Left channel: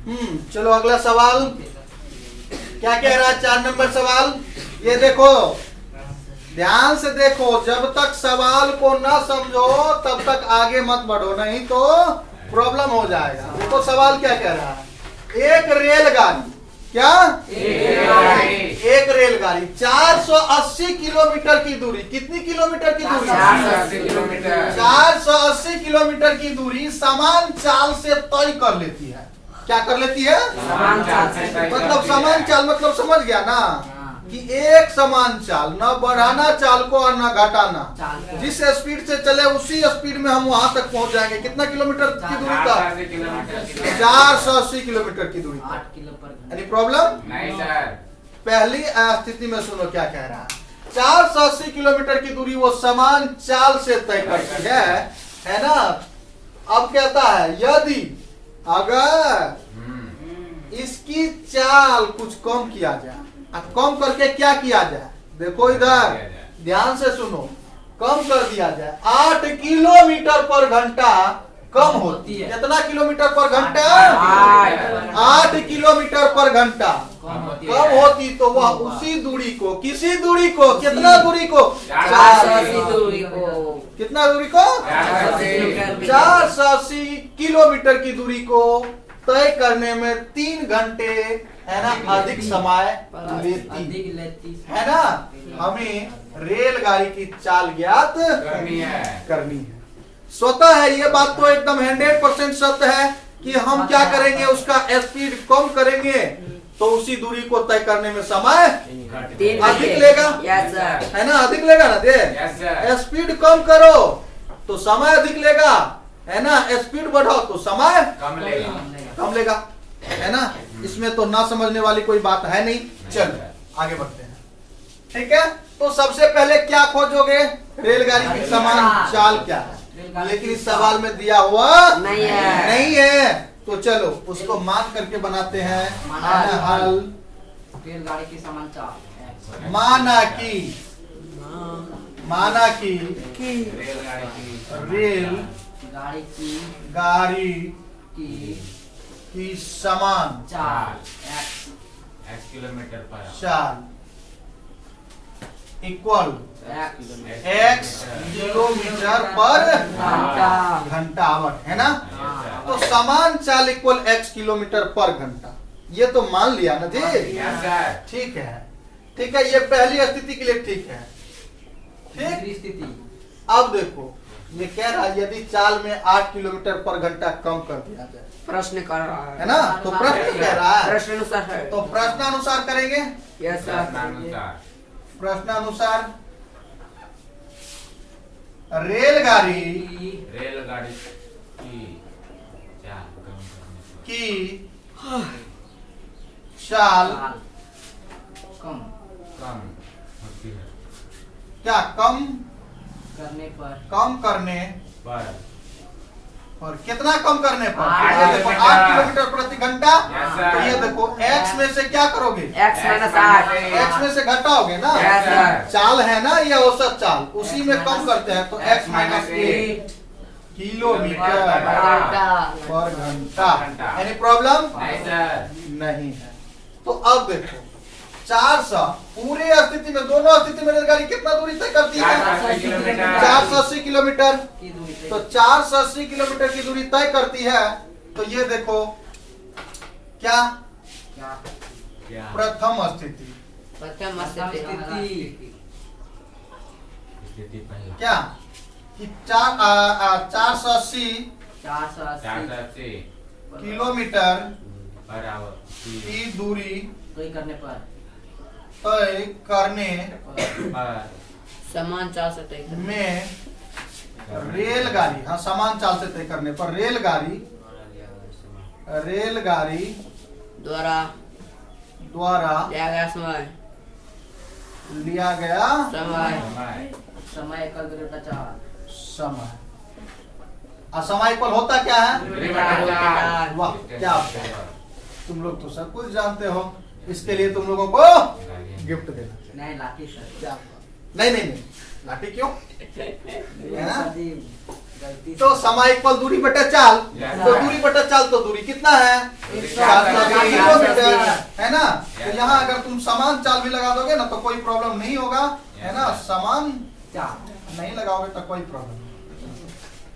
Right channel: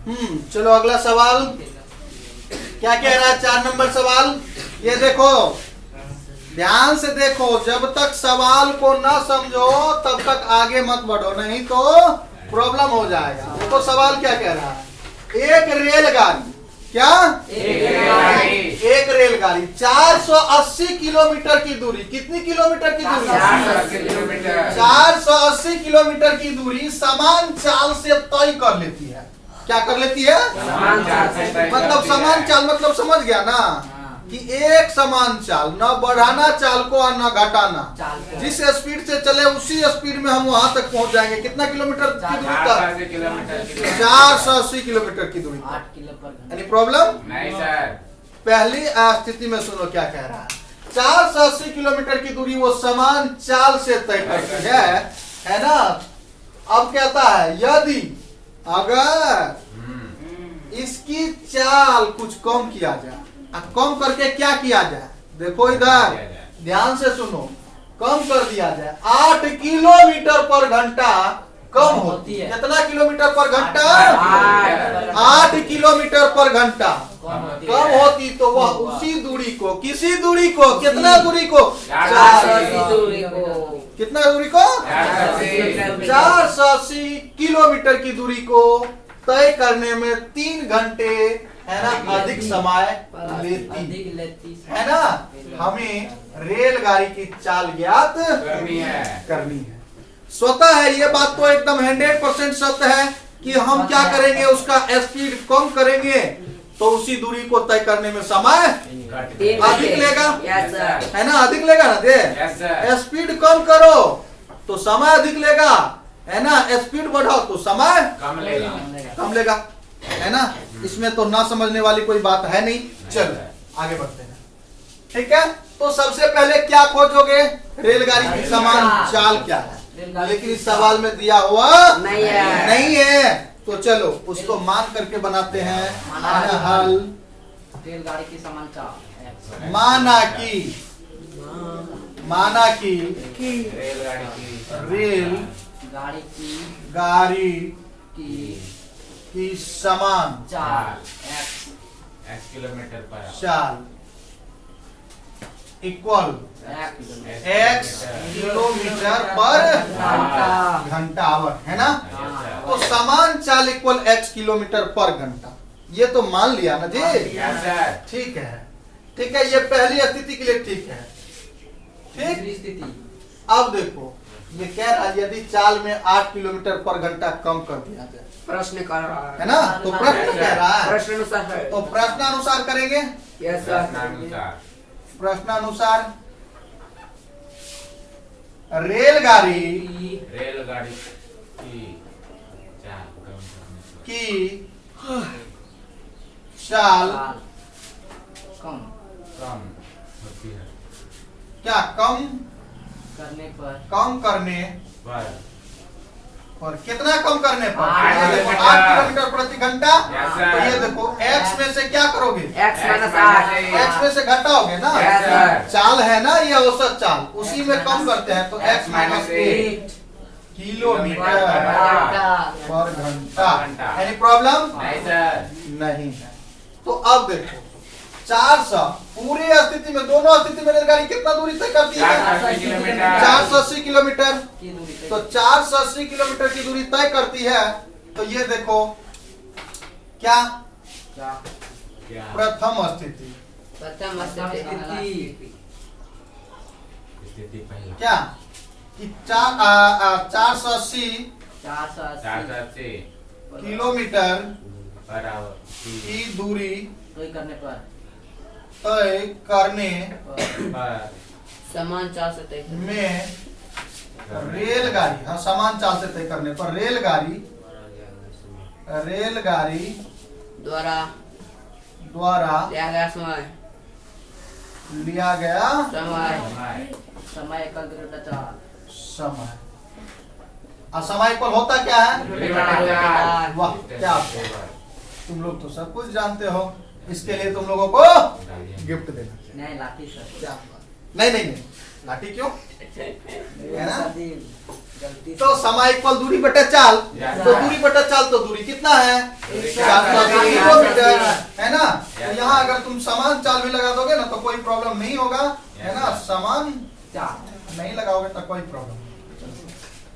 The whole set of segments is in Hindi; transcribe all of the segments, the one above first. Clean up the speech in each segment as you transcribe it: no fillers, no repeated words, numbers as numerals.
चलो अगला सवाल क्या कह रहा है। 4 नंबर सवाल ये देखो, ध्यान से देखो, जब तक सवाल को ना समझो तब तक आगे मत बढ़ो, नहीं तो प्रॉब्लम हो जाएगा। देखो सवाल क्या कह रहा है। एक रेलगाड़ी, क्या एक रेलगाड़ी 480 किलोमीटर की दूरी, कितनी किलोमीटर की दूरी? 480 किलोमीटर की दूरी समान चाल से तय कर लेती है। क्या कर लेती है? मतलब समान चाल, मतलब समझ गया ना कि एक समान चाल, ना बढ़ाना चाल को और ना घटाना, जिस स्पीड से चले उसी स्पीड में हम वहां तक पहुंच जाएंगे। कितना किलोमीटर की दूरी तक? 480 किलोमीटर की दूरी तक। Any problem? नहीं सर। पहली स्थिति में सुनो क्या कह रहा है। 480 किलोमीटर की दूरी वो समान चाल से तय करती है ना। अब कहता है यदि अगर इसकी चाल कुछ कम किया जाए, कम करके क्या किया जाए? देखो इधर ध्यान से सुनो, कम कर दिया जाए 8 किलोमीटर पर घंटा कम होती है। कितना किलोमीटर पर घंटा? 8 किलोमीटर पर घंटा कम होती तो वह उसी दूरी को, किसी दूरी को, कितना दूरी को? कितना दूरी को? 480 किलोमीटर की दूरी को तय करने में 3 घंटे है ना अधिक समय लेती है ना। हमें रेलगाड़ी की चाल ज्ञात करनी है। स्वतः है ये बात तो एकदम 100% सत्य है कि हम क्या करेंगे, उसका स्पीड कम करेंगे तो उसी दूरी को तय करने में समय अधिक लेगा, है ना। अधिक लेगा ना दे। स्पीड कम करो तो समय अधिक लेगा, है ना। स्पीड बढ़ाओ तो समय कम लेगा, है ना। इसमें तो ना समझने वाली कोई बात है नहीं। चलो आगे बढ़ते हैं, ठीक है। तो सबसे पहले क्या खोजोगे? रेलगाड़ी की समान चाल क्या है, लेकिन इस सवाल में दिया हुआ नहीं है। तो चलो उसको मान करके बनाते हैं हल। रेलगाड़ी की समान चाल, माना कि रेल गाड़ी की समान चाल x किलोमीटर पर चाल इक्वल x किलोमीटर पर घंटा, है ना। तो समान चाल इक्वल x किलोमीटर पर घंटा, ये तो मान लिया ना जी। ठीक है, ठीक है, ये पहली स्थिति के लिए ठीक है। ठीक स्थिति। अब देखो ये कह रहा है यदि चाल में 8 किलोमीटर पर घंटा कम कर दिया जाए, प्रश्न कर रहा है ना। तो प्रश्न कह रहा है, प्रश्नानुसार है। तो प्रश्नानुसार करेंगे। Yes sir. प्रश्नानुसार रेलगाड़ी की चाल कम होती है। क्या कम करने पर कितना कम करने पर? 8 ये देखो 8 किलोमीटर प्रति घंटा। तो ये देखो x में से क्या करोगे? x में से घटाओगे ना। चाल है ना ये औसत चाल, उसी में कम करते हैं तो x माइनस 8 किलोमीटर पर घंटा। Any problem? नहीं है। तो अब देखो 400 पूरी स्थिति में, दोनों स्थिति में रेलगाड़ी कितना दूरी तय करती है? 480 किलोमीटर। तो 480 किलोमीटर की दूरी तय करती है। तो ये देखो क्या प्रथम स्थिति क्या कि 480 किलोमीटर की दूरी तय करने पर समान चाल से तय में रेलगाड़ी, हाँ समान चाल से तय करने पर रेलगाड़ी द्वारा लिया गया समय एकल विरुद्ध चाल। समय असमय पर होता क्या है? वाह क्या तुम लोग तो सब कुछ जानते हो। इसके लिए तुम लोगों को गिफ्ट देना चाहिए। नहीं लाठी सर। क्या? नहीं लाठी क्यों है ना। गलती तो समय इक्वल दूरी बटे चाल, तो दूरी बटे चाल तो दूरी कितना है 480 किलोमीटर, है ना। तो यहाँ अगर तुम समान चाल भी लगा दोगे ना तो कोई प्रॉब्लम नहीं होगा, है ना। समान चाल नहीं लगाओगे तो कोई प्रॉब्लम।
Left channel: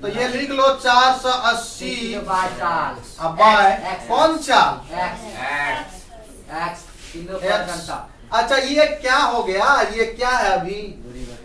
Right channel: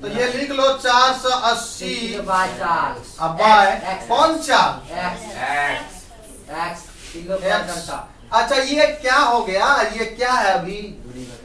तो ये लिख लो 480 चाल अब बाय कौन चाल एक्स किलो पर घंटा। अच्छा ये क्या हो गया, ये क्या है अभी दूरी बटे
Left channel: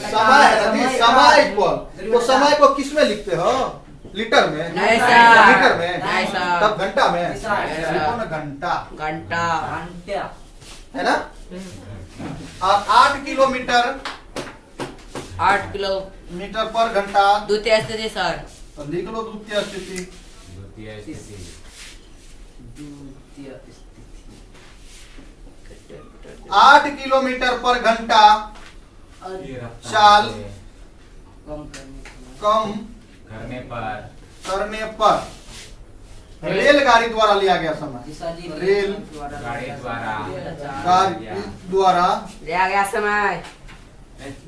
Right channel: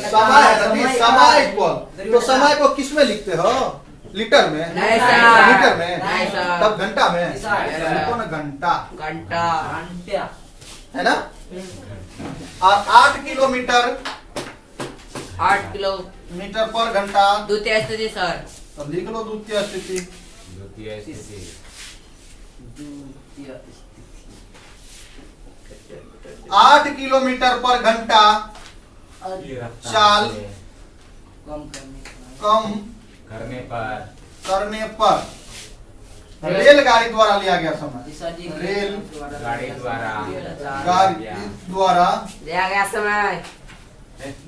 समय है ना, समय इक्वल। तो समय को किस में लिखते हो, लीटर में, नहीं सर। लीटर में, नहीं सर। तब घंटा में नहीं सर। लिखो ना घंटा, घंटा घंटा है ना। और 8 किलोमीटर 8 किलोमीटर पर घंटा, द्वितीय स्थिति सर। तो लिख लो द्वितीय स्थिति। द्वितीय स्थिति द्वितीय स्थिति 8 किलोमीटर पर घंटा चाल कम करने कम करने पर रेलगाड़ी द्वारा लिया गया समय, रेल गाड़ी द्वारा गाड़ी द्वारा लिया गया समय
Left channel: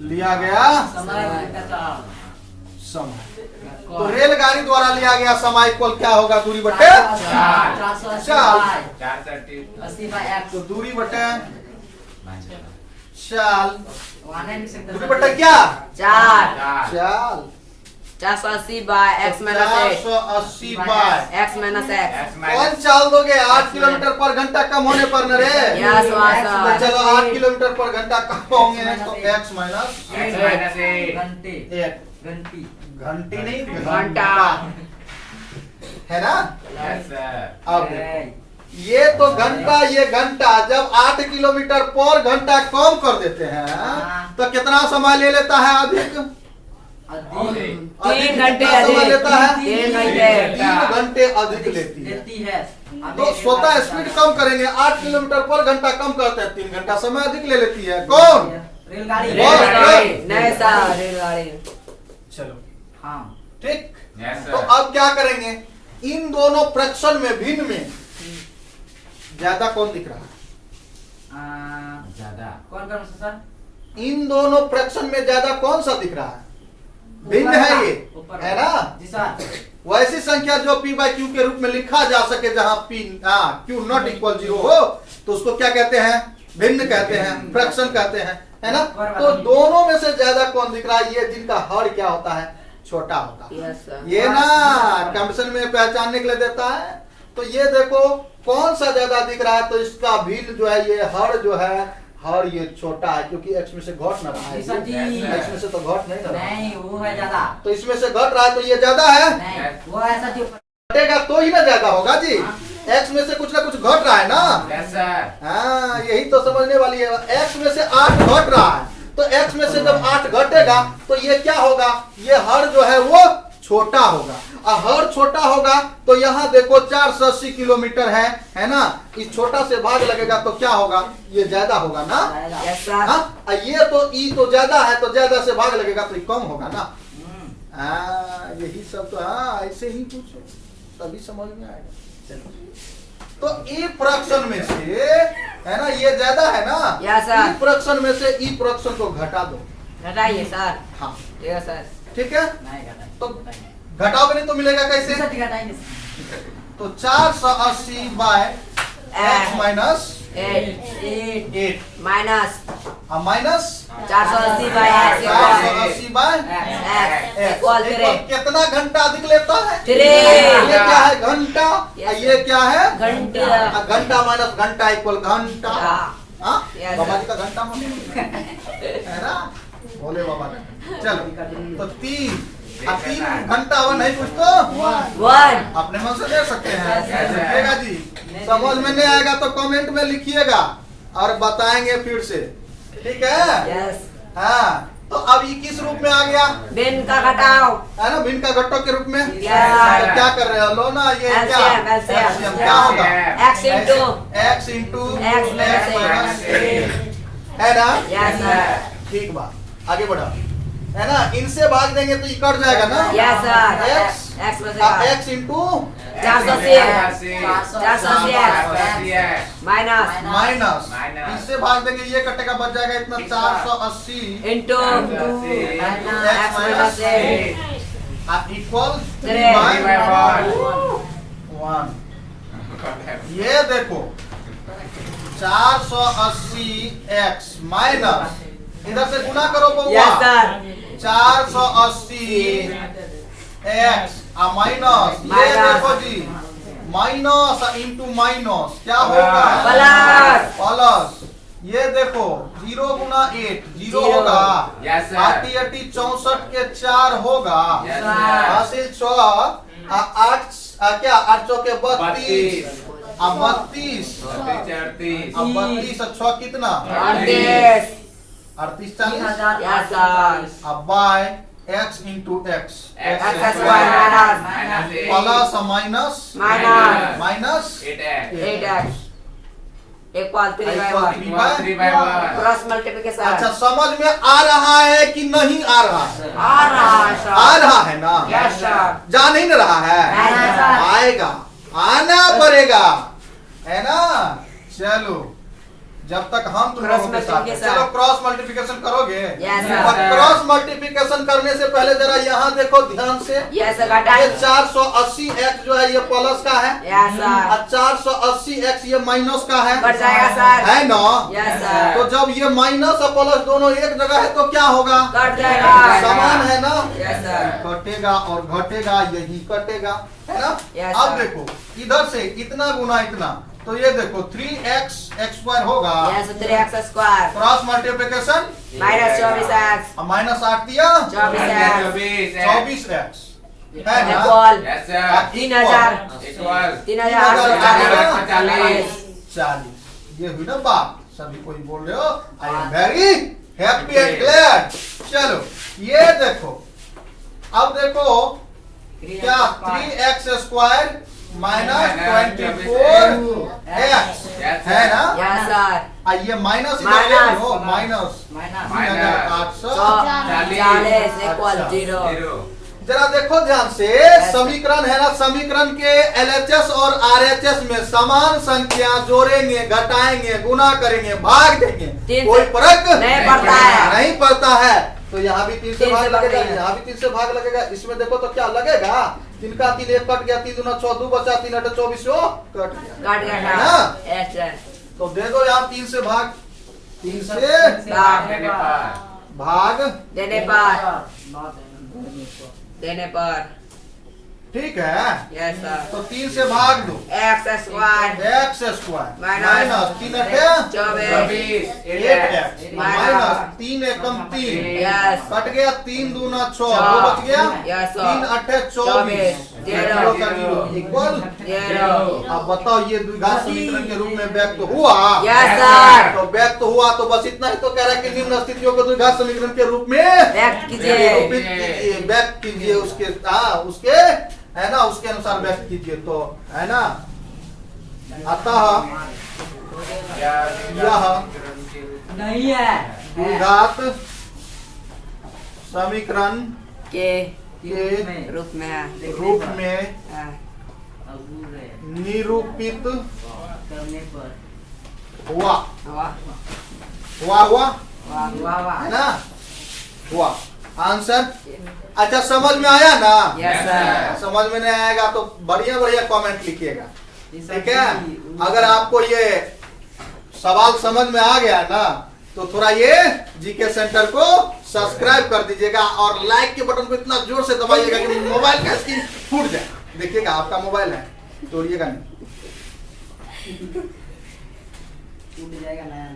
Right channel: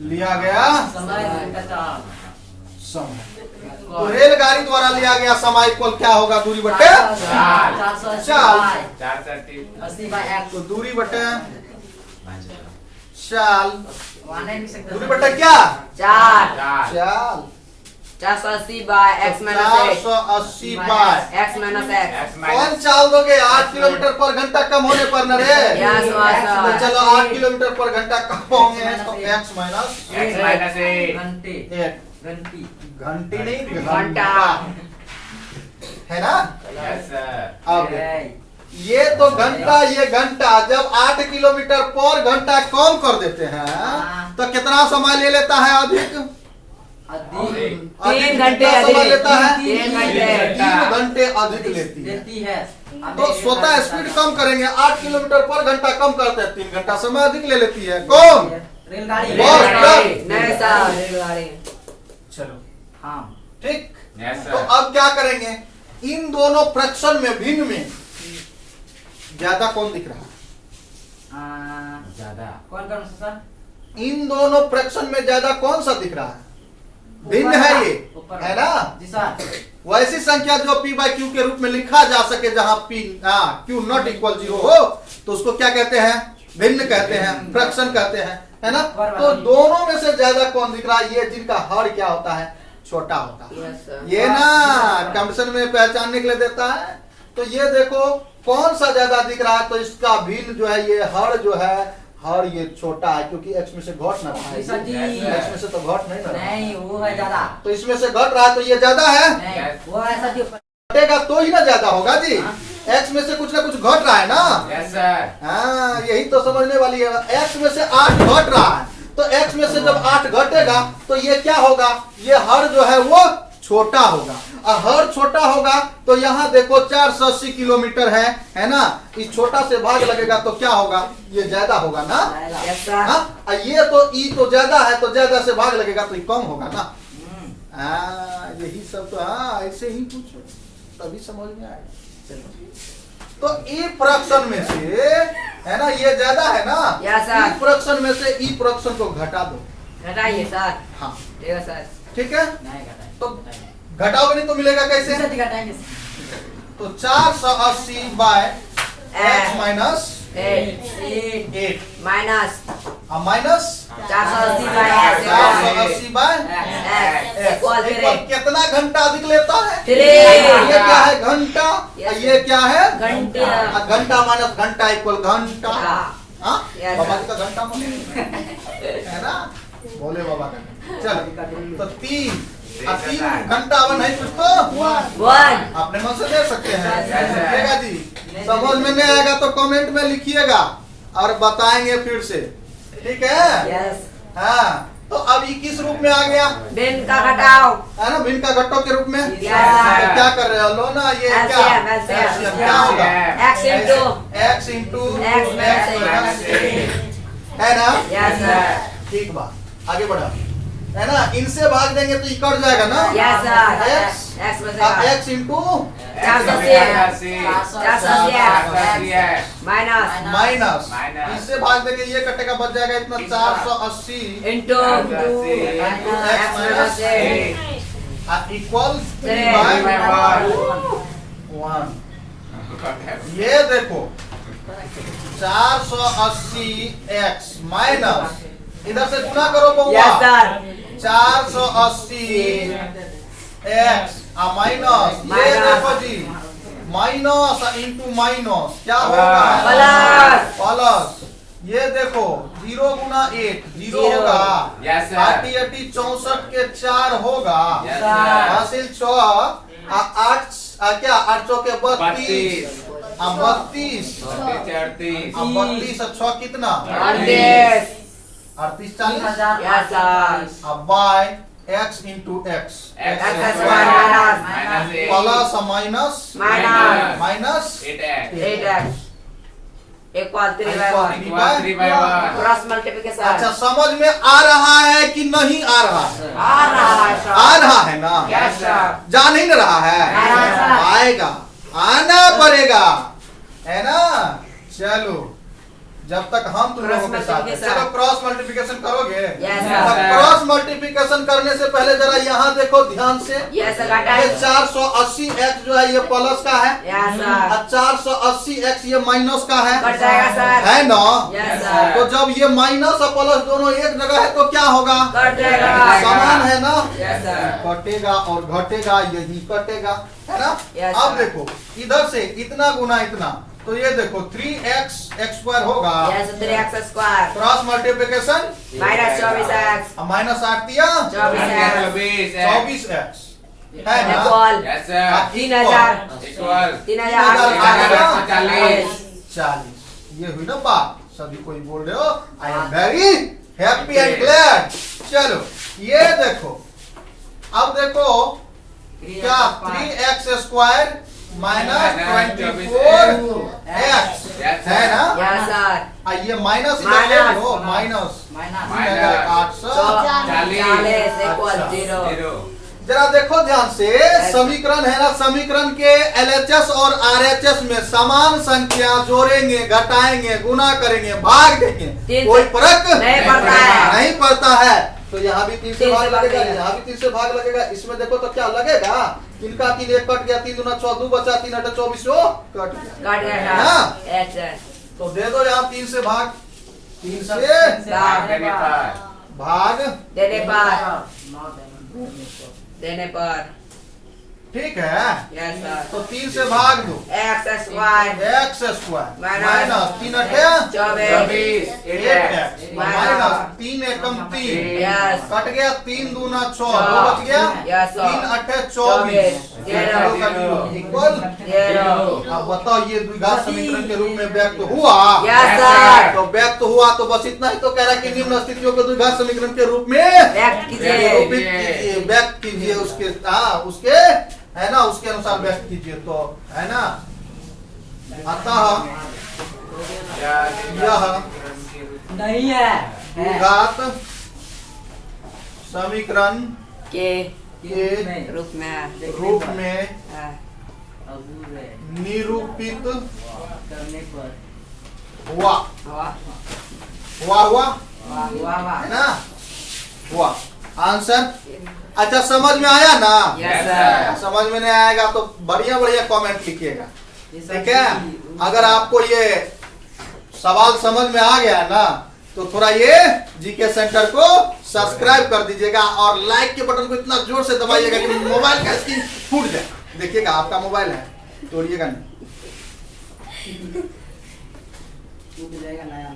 लिया गया समय घंटा चाल समय। तो रेलगाड़ी द्वारा लिया गया समय इक्वल क्या होगा, दूरी बटे 480 बाय एक्स। तो दूरी बटे चाल, वहाँ नहीं लिख सकते दूरी बटे क्या 4 चाल, 480 by x minus 480 by x minus x। कौन चाल दोगे 8 किलोमीटर पर घंटा कम होने पर न रे। Yes, तो sir. चलो 8 किलोमीटर पर घंटा कम होंगे तो x माइनस घंटे 8 घंटी घंटी नहीं घंटा। है ना। Yes sir. अब ये तो घंटा, ये घंटा जब 8 किलोमीटर पर घंटा कम कर देते हैं तो कितना समय ले लेता है, अधिक अधिक तीन घंटे कितना समय अधिक। लेता है, 3 घंटे 3 घंटे अधिक लेती है। लेती है। तो स्वतः स्पीड कम करेंगे, 8 किलोमीटर पर घंटा कम करते हैं, 3 घंटा समय अधिक ले लेती है। कौन, रेलगाड़ी रेलगाड़ी नहीं सर, रेलगाड़ी। चलो हाँ ठीक। यस तो सर। अब क्या करेंगे, इन दोनों फ्रैक्शन में भिन्न में ज्यादा कौन दिख रहा है, ज्यादा कौन कौन सा सर? इन दोनों फ्रैक्शन में ज्यादा कौन सा दिख रहा है, भिन्न है ये, ऊपर है ना। जी सर। वैसी संख्या जो p बाई क्यू के रूप में लिखा जा सके, जहां p क्यू नॉट इक्वल 0 हो तो उसको क्या कहते हैं, भिन्न कहते हैं, फ्रैक्शन कहते हैं, है ना। तो दोनों में से ज्यादा कौन दिख रहा है, ये जिनका हर क्या होता है, छोटा होता है। Yes, sir. ये ना कंडीशन में पहचानने के लिए देता है। तो ये देखो कौन सा ज्यादा दिख रहा है, तो इसका भिन्न जो है, ये हर जो है, हर ये छोटा है क्योंकि x में से घट ना रहा है, जी सर जी। x में से तो घट नहीं ना रहा है। नहीं वो है ज्यादा। तो इसमें से घट रहा है तो ये ज्यादा है, नहीं वो ऐसा जो घटेगा तो ही ना ज्यादा होगा जी। x में से कुछ ना कुछ घट रहा है ना। Yes sir. हाँ यही तो समझने वाली है। x में से 8 घट रहा है तो x में से जब 8 घटेगा तो ये क्या होगा, ये हर जो है वो छोटा होगा, और हर छोटा होगा तो यहाँ देखो 480 किलोमीटर है ना। इस छोटा से भाग लगेगा तो क्या होगा, ये ज्यादा होगा ना। Yes, sir. हाँ और ये तो ई तो ज्यादा है तो ज्यादा से भाग लगेगा तो ये कम होगा ना। यही सब तो, हाँ ऐसे ही कुछ तभी समझ में आएगा। चलो तो ई फ्रैक्शन में से है ना, ये ज्यादा है ना। Yes, sir. ई फ्रैक्शन में से ई फ्रैक्शन को घटा दो। घटाइए सर। हाँ yes सर। ठीक है। नहीं घटाएंगे। तो घटाओगे नहीं तो मिलेगा कैसे, जी सर जी घटाएंगे। तो 480 by x minus 8 8 minus minus 480 by 480 by x equal x कितना घंटा अधिक लेता है, 3। ये क्या है घंटा, Yes. ये क्या है घंटा। घंटा माइनस घंटा इक्वल घंटा। हाँ Yes. बाबा जी का घंटा है ना, बोले बाबा का। चलो तो 3 घंटा वो नहीं कुछ तो 1 अपने मन से दे सकते हैं। Yes, sir. लिखिएगा जी, समझ में नहीं आएगा तो कमेंट में लिखिएगा और बताएंगे फिर से, ठीक है। यस। हाँ तो अब ये किस रूप में आ गया, भिन्न का घटाओ है ना, भिन्न का घटों के रूप में। Yes. तो क्या कर रहे हो, लो ना ये क्या LCM, LCM क्या होगा, x into x into x x minus 8 है ना। Yes sir. ठीक बात, आगे बढ़ा, है ना। इनसे भाग देंगे तो ये कट जाएगा ना। Yes sir. x x में से x into 480 minus minus, minus. इससे भाग देंगे ये कटेगा, बच जाएगा इतना 480 into x minus 8 equal 3 3 by by 1। ये देखो 480 x माइनस, इधर से गुना करो बउआ, Yes, sir. 480 x माइनस, ये देखो जी माइनस इंटू माइनस क्या होगा, प्लस। प्लस। ये देखो 0 गुना 8 0 होगा, Yes, sir. 80 64 के 4 होगा, Yes, sir. हासिल 6 8 क्या 8 चौके 32, 32 38 अब 32 और 6 कितना 38 38 40। Yes, sir. अब by x into x X square minus plus minus Minus. Minus 8x 8x equal 3 by Equal 1. equal 3 by 1। Cross multiplication. अच्छा समझ में आ रहा है कि नहीं आ रहा है, आ रहा है sir. आ रहा है ना, Yes, sir. जा नहीं ना रहा है, Yes, sir. आएगा, आना पड़ेगा, है ना। चलो जब तक हम तुम लोगों के साथ हैं। multiplication. चलो क्रॉस मल्टीप्लिकेशन करोगे। Yes, sir. क्रॉस मल्टीप्लिकेशन करने से पहले जरा यहाँ देखो ध्यान से, Yes, sir. got ये it. 480 x जो है ये प्लस का है, Yes, sir. और 480 x ये माइनस का है, कट जाएगा सर. है ना। Yes, sir. तो जब ये माइनस और प्लस दोनों एक जगह है तो क्या होगा, कट जाएगा. समान है ना, Yes, sir. कटेगा और घटेगा, यही कटेगा, है ना। Yes, अब sir. देखो इधर से इतना गुना इतना, तो ये देखो 3x x स्क्वायर होगा, Yes, 3x square. Cross multiplication Minus 24x. Minus 8 दिया 24x. 24x, है ना। Equal. Yes, sir. 3000. Equal 3040. 40। ये हुई ना बात, सभी कोई बोल रहे हो, I am very happy and glad. चलो ये देखो, अब देखो क्या 3x स्क्वायर माइनस 24x, है ना। Yes, sir. ये माइनस इधर ले लो, माइनस 3840। 40 equal अच्छा। 0. 0। जरा देखो ध्यान से, समीकरण है ना, समीकरण के LHS और RHS में समान संख्या जोड़ेंगे, घटाएंगे, गुना करेंगे, भाग देंगे, तीन कोई से फर्क नहीं पड़ता है. नहीं पड़ता है। तो यहाँ भी 3 से तीन भाग से लगेगा, भागेगा। यहाँ भी 3 से भाग लगेगा, इसमें देखो तो क्या लगेगा, 3 का 3 1 कट गया, 3 दूना 6 2 बचा, 3 8 24 वो कट गया, कट गया है ना। Yes, sir. तो दे दो यहाँ 3 से भाग, 3 से देने पर भाग, देने पर ठीक है। Yes, sir. तो 3 से भाग दो, X square. x square Minus minus 3 8 24. 8x minus 3 एकम 3 Yes. कट गया, 3 दूना 6 दो बच गया, Yes, sir. 3 8 24 Zero. इक्वल। 0. अब बताओ ये द्विघात समीकरण के रूप में व्यक्त हुआ, Yes, sir. तो व्यक्त हुआ तो बस इतना ही तो कह रहा है कि निम्न स्थितियों को द्विघात समीकरण के रूप में व्यक्त कीजिए. निरूपित कीजिए, व्यक्त कीजिए, उसके है ना, उसके अनुसार व्यक्त कीजिए, तो है ना। अतः यह नहीं है द्विघात समीकरण के के रूप में है. रूप में हाँ. निरूपित करने पर हुआ, वाह. हुआ वाह है ना, हुआ आंसर। अच्छा समझ में आया ना, Yes, sir. समझ में नहीं आएगा तो बढ़िया बढ़िया कमेंट लिखिएगा, ठीक है। अगर आपको ये सवाल समझ में आ गया ना, तो थोड़ा ये जीके सेंटर को सब्सक्राइब कर दीजिएगा और लाइक के बटन को इतना जोर से दबाइएगा कि मोबाइल का स्क्रीन फूट जाए। देखिएगा आपका मोबाइल है, तोड़िएगा नहीं। टूट जाएगा नया।